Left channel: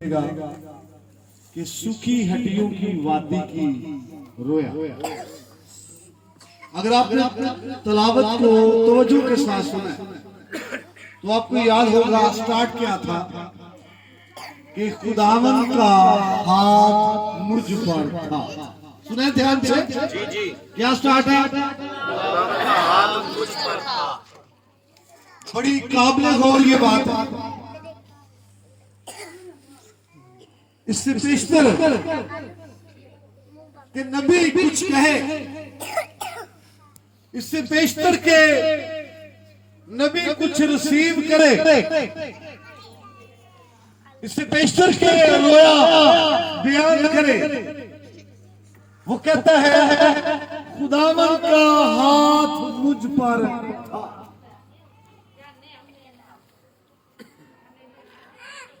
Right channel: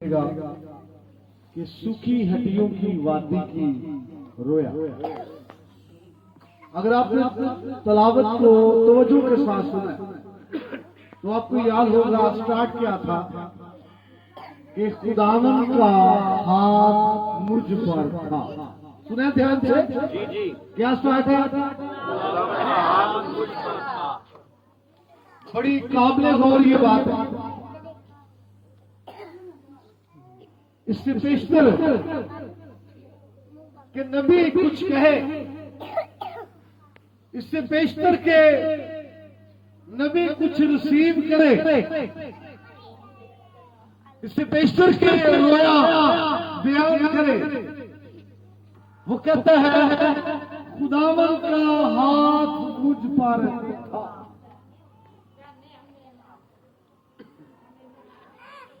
कि सूखी हड्डियों की वादी की रोया। अगर आपने तलावत को तवज्जो के साथ सुना तो आपको याद होगा स्टार्ट क्या था कि खुदावन का हाथ मुझ पर था। सुना ध्यान से? जी जी। क्या स्टार्ट है? खुदावन का हाथ मुझ पर था। बड़ी काबिले गौर ये बात है। इससे बेशतर कि नबी कुछ कहे, इससे बेशतर के नबी कुछ रिसीव करे, इससे बेशतर के रोया बयान करे। वो कहता है खुदावन का हाथ मुझ पर था।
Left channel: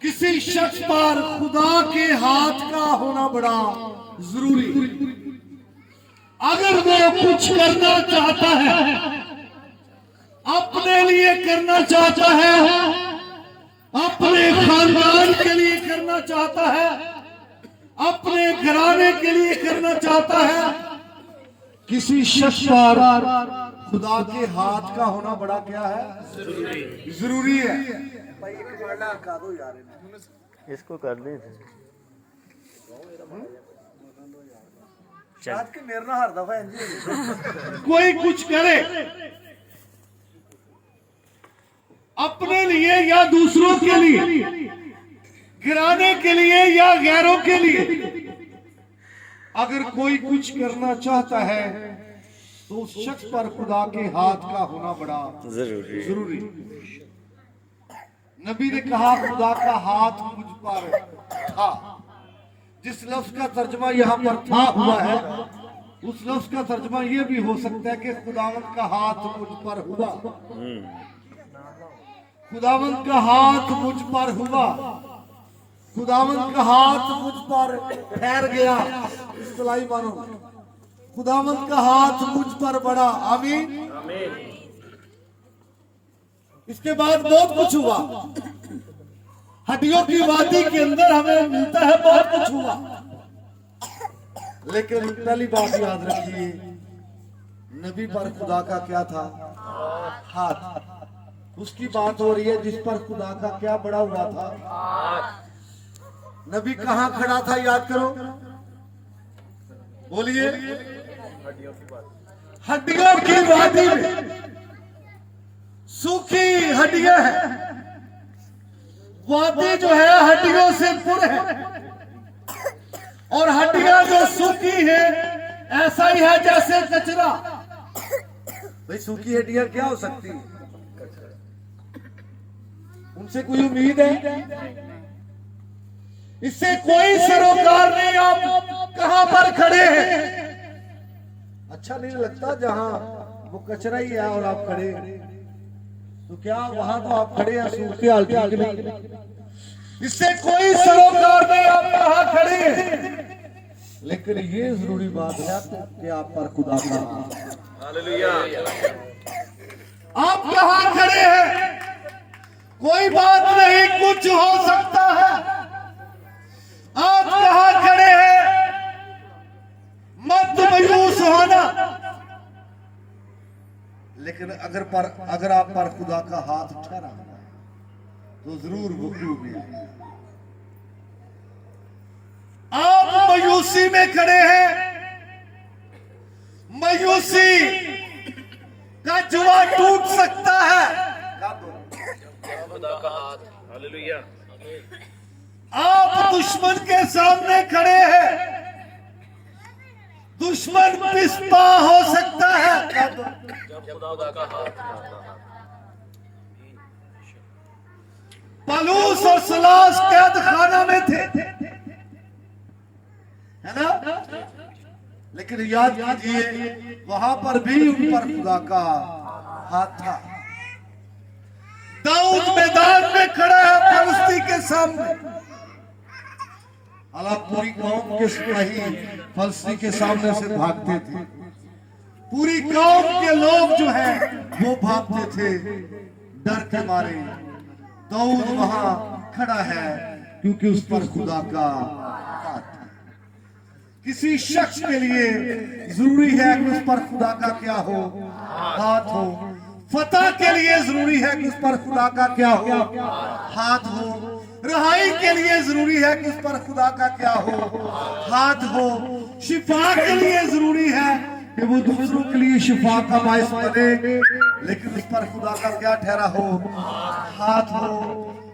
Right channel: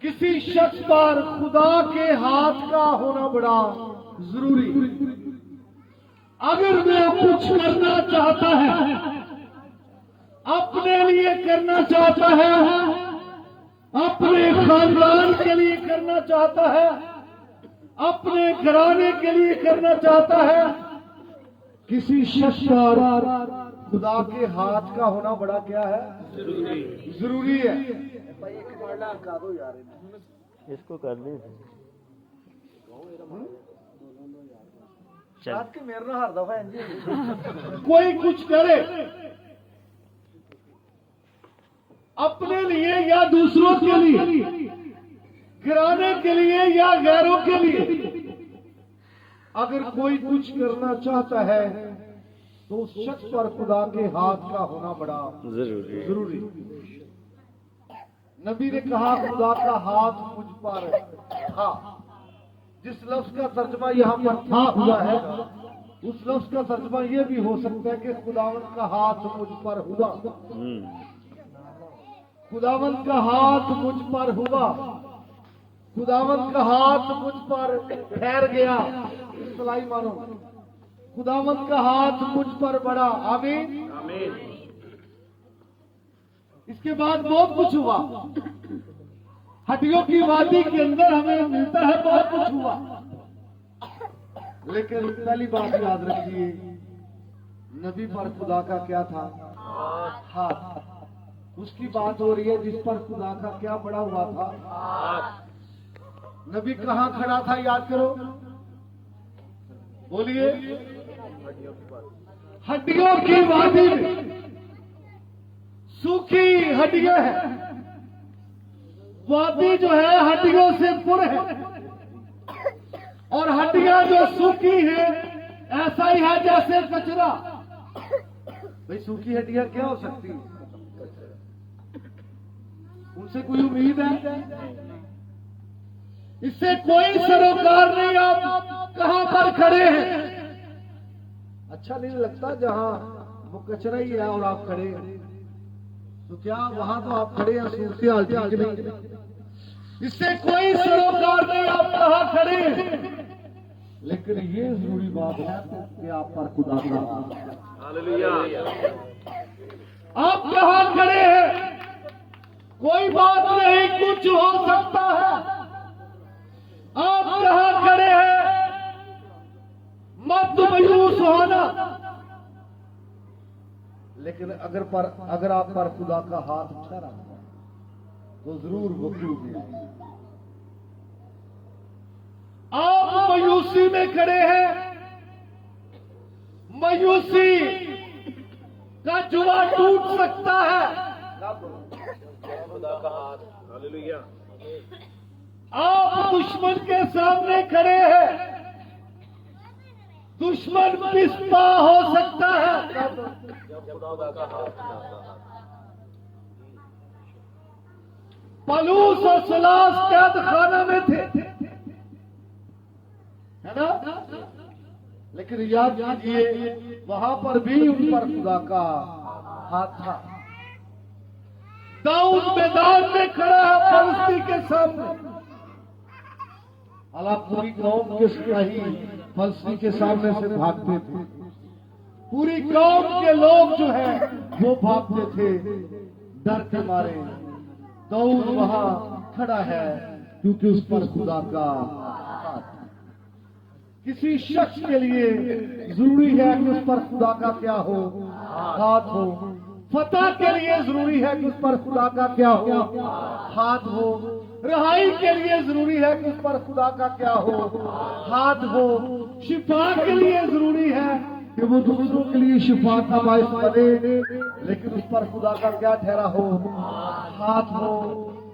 किसी शख्स पर खुदा के हाथ का होना बड़ा जरूरी। अगर वो कुछ करना चाहता है, अपने लिए करना चाहता है, अपने खानदान के लिए करना चाहता है, अपने घराने के लिए करना चाहता है, किसी शख्स पर खुदा के हाथ का होना बड़ा क्या है? जरूरी है। भाई एक का दो यार, इसको कर दे के मेरे ना हर दफा कोई कुछ करे अपने लिए या दूसरों के लिए, घराने के लिए या गैरों के लिए, अगर कोई कुछ करना चाहता है तो उस शख्स पर खुदा के हाथ का होना बड़ा जरूरी। नबी ने कहा खुदा का हाथ मुझ पर था। जिस लफ्ज का तर्जमा यहाँ पर था हुआ है, उस लफ्ज का तर्जमा यह भी हो सकता है कि खुदावंत का हाथ मुझ पर हुआ। खुदावंत का हाथ मुझ पर हुआ, खुदावंत का हाथ मुझ पर ठहर गया। इस्लाही मानो, खुदावंत का हाथ मुझ पर बड़ा। आमीन आमीन। इसके बाद बहुत कुछ हुआ। हड्डियों की वादी के अंदर हमें मिलता है बहुत कुछ हुआ, लेकिन पहली बात याद रखिए, नबी पर खुदा का क्या था? हाथ। उसकी बात हो रही है जिस पर खुदा का क्या बड़ा हुआ था। नबी कहां खड़ा था? याद करो, बोलिए। हड्डियों की वादी में। सूखी हड्डियां हैं, वादी जो है हड्डियों से पुर है, और हड्डियां जो सूखी है ऐसा ही है जैसे कचरा। भाई सूखी हड्डियां क्या हो सकती है? उनसे कोई उम्मीद है? इससे कोई सरोकार नहीं। आप कहां पर खड़े हैं? अच्छा नहीं लगता जहां वो कचरा ही है और आप खड़े हैं, तो क्या वहां तो आप खड़े हैं सूरत हाल ठीक नहीं। इससे कोई सरोकार नहीं आप कहां खड़े हैं, लेकिन ये जरूरी बात है कि आप पर खुदा का हालेलुया। आप कहां खड़े हैं कोई बात नहीं, कुछ हो सकता है। आप कहां खड़े हैं मत मायूस होना, लेकिन अगर आप पर खुदा का हाथ ठहरा हुआ है तो जरूर वो क्यों भी आएगा। आप मायूसी में खड़े हैं, मायूसी का जुआ टूट सकता है। खुदा का हाथ। हालेलुया। आप दुश्मन के सामने खड़े हैं, दुश्मन पिस्पा हो सकता है। खुदा का हाथ। पलूस और सलास कैद खाना में थे, है ना? लेकिन याद कीजिए वहां पर भी उन पर खुदा का हाथ था। दाऊद मैदान में खड़ा है फलस्ती के सामने। हालांकि पूरी कौम के सिपाही फलस्ती के सामने से भागते थे, पूरी कौम के लोग जो है वो भागते थे डर के मारे। दाऊद वहां खड़ा है क्योंकि उस पर खुदा का हाथ है। किसी शख्स के लिए जरूरी है कि उस पर खुदा का क्या हो, हाथ हो। फतह के लिए जरूरी है कि उस पर खुदा का क्या हो, हाथ हो। रहाई के लिए जरूरी है कि उस पर खुदा का क्या हो, हाथ हो। शिफा के लिए जरूरी है कि वो दूसरों के लिए शिफा का बायस बने, लेकिन उस पर खुदा का क्या ठहरा हो, हाथ हो।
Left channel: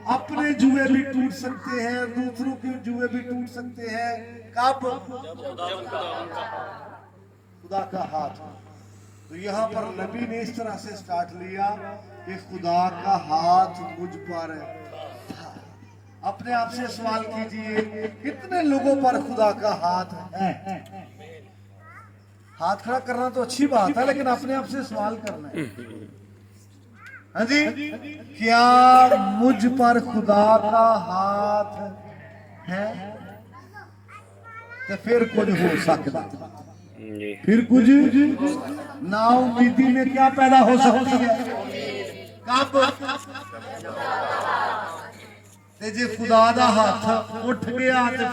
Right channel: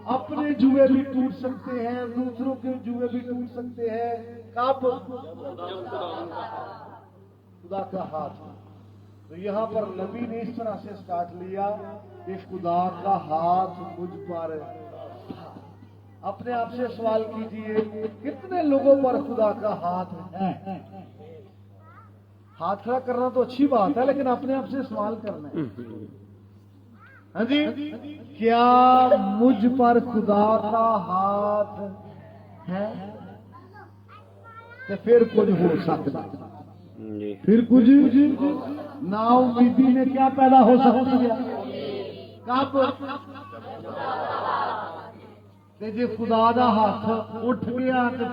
अपने जुए भी टूट सकते हैं, दूसरों के जुए भी टूट सकते हैं, कब? खुदा का हाथ हो। तो यहाँ पर नबी ने इस तरह से स्टार्ट लिया कि खुदा का हाथ मुझ पर था। अपने आप से सवाल कीजिए, कितने लोगों पर खुदा का हाथ है? हाथ खड़ा करना तो अच्छी बात है, लेकिन अपने आप से सवाल करना है। हाँ जी, क्या मुझ पर खुदा का हाथ है? तो फिर कुछ हो सकता, फिर कुछ ना उम्मीदी में क्या पैदा हो सकती है, कब? ते जे खुदा दा हाथ उठ गया तो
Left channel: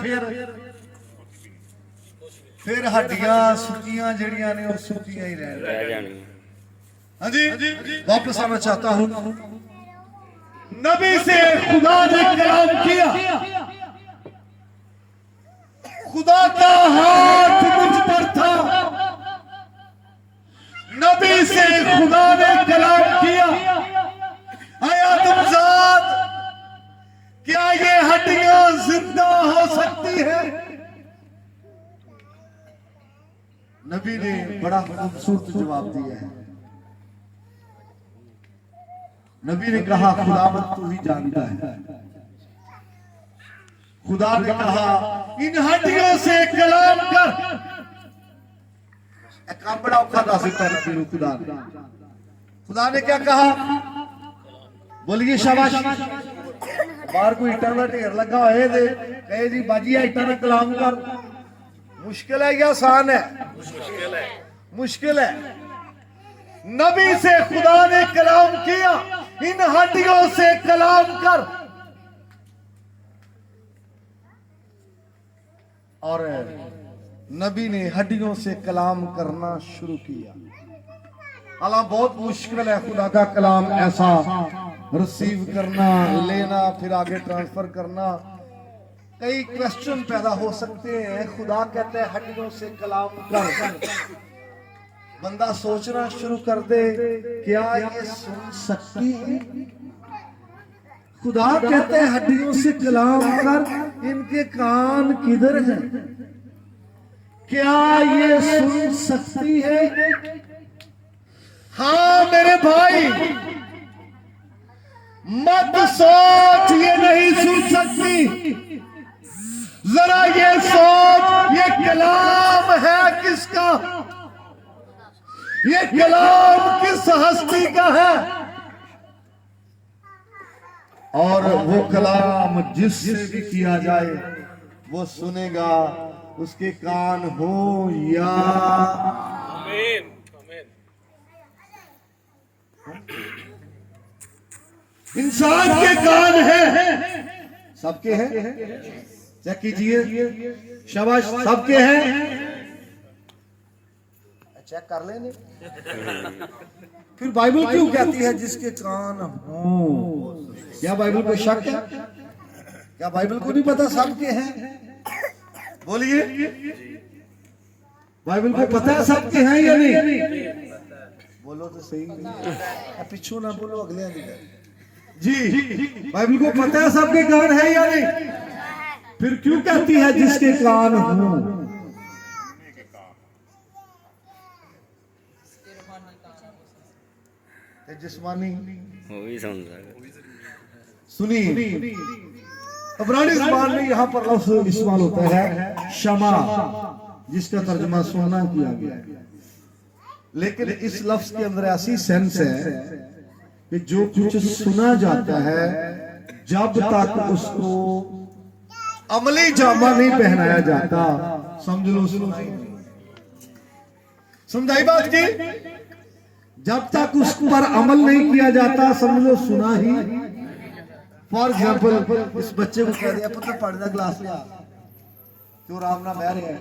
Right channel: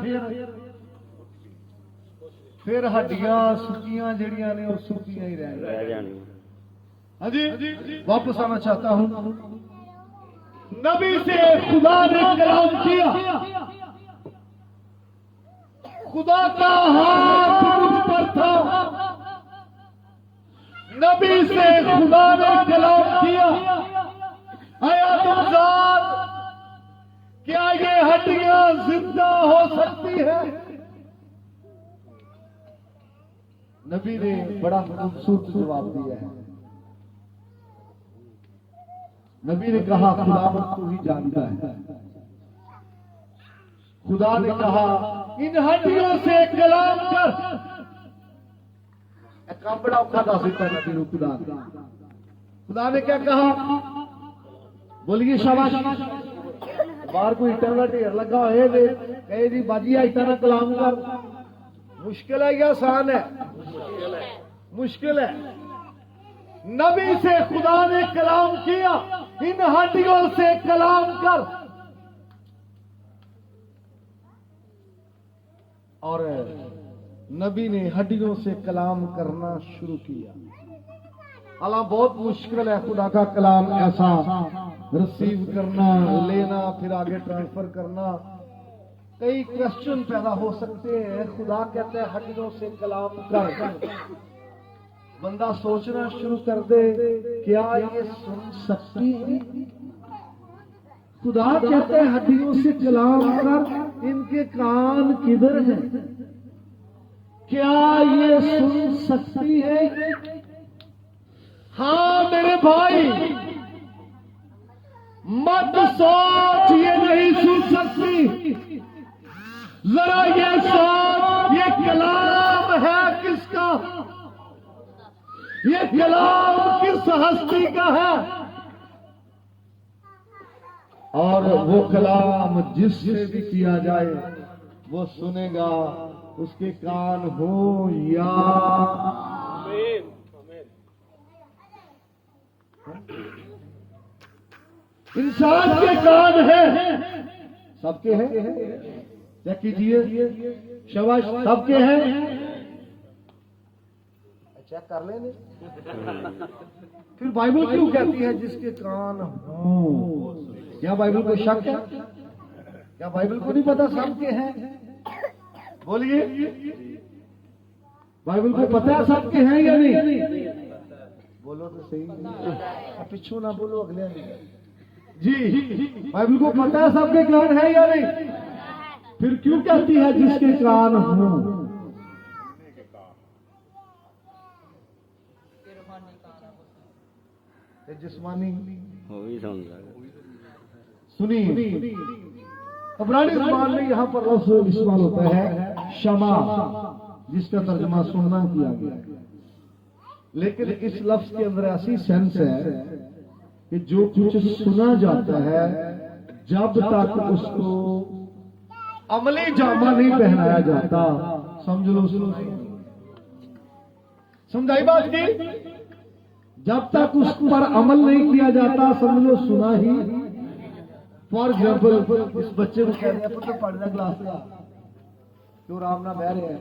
फिर हड्डियां सुखियां जड़ियां ने वो सुखियां ही रह जानी। हाँ जी, वापस आना चाहता हूं। नबी से खुदा ने कलाम किया, खुदा का हाथ मुझ पर था। नबी से खुदा ने कलाम किया, आया तुमजाद, क्या ये हड्डियां जिंदा हो सकती है? नबी ने बड़ा खूबसूरत जवाब दिया है। नबी ने कहा, खुदावंद तू ही जानता है। खुदा ने कहा, इन हड्डियों से कलाम कर। एक काम बड़ा औखा दस दिता है नबी को खुदा ने। खुदा ने क्या कहा? बोलिए शाबाश। बाहर कोई ईटा का ढेर लगा है, दे कहे जी बाजी ईटा ना कलाम कर। मुश्किल है या आसान है? मुश्किल है, मुश्किल है। नबी से खुदा ने कलाम किया, इन हड्डियों से कलाम कर। और नबी ने हड्डियों से कलाम करना शुरू किया। हालांकि बहुत मुश्किल है खुदा का कलाम ऐसा रिसीव करना, लेना, फिर आगे ट्रांसफर करना। कई क्वेश्चन पैदा हो सकते हैं। खुदा कहते हैं हड्डियों से कलाम कर। बंदा सोचना शुरू कर दे, क्या ये सुन सकती है? खुदा कहते हैं हड्डियों से कलाम कर, इनके कान किधर हैं? क्या ये सुन सकती है? हाँ मेरे भाई, मत सोच ये नहीं सुन सकती। जरा ये सोच, ये कलाम है किसका? ये कलाम किस हस्ती का है? और वो कलाम जिससे भी किया जाए वो सुनेगा, उसके कान हो या आमीन। इंसान के कान है, सबके हैं। चेक कीजिए, शाबाश, सबके हैं। चेक कर लेने। फिर बाइबल क्यों कहती है जिसके कान हो? क्या बाइबल को शक है? क्या बाइबल को नहीं पता सबके हैं? बोलिए, बाइबल को पता है सबके हैं या नहीं? बोलो तो सही। पीछू ना बोलो, अगले जी। बाइबल को पता है सबके कान है या नहीं? फिर क्यों कहती है जिसके कान हो? जिस्मानी वो भी समझा। सुनिए, इब्रानी ज़बान में यहाँ पर लफ्ज़ इस्तेमाल होता है शमा, जिसका तर्जुमा सुनना किया गया है। लेकिन इस लफ्ज़ के अंदर ऐसी सेंस है कि जो कुछ सुना जाता है, जब तक उसको अमली जामा नहीं पहनाया जाता, समझ लो सुनाई। समझाई बात की? जब तक उस पर अमल नहीं किया जाता, समझ लो सुना ही। फॉर एग्जाम्पल इस बच्चे को कह दिया पुत्र पढ़ना क्लास लिया तो आराम ना बह रहे हैं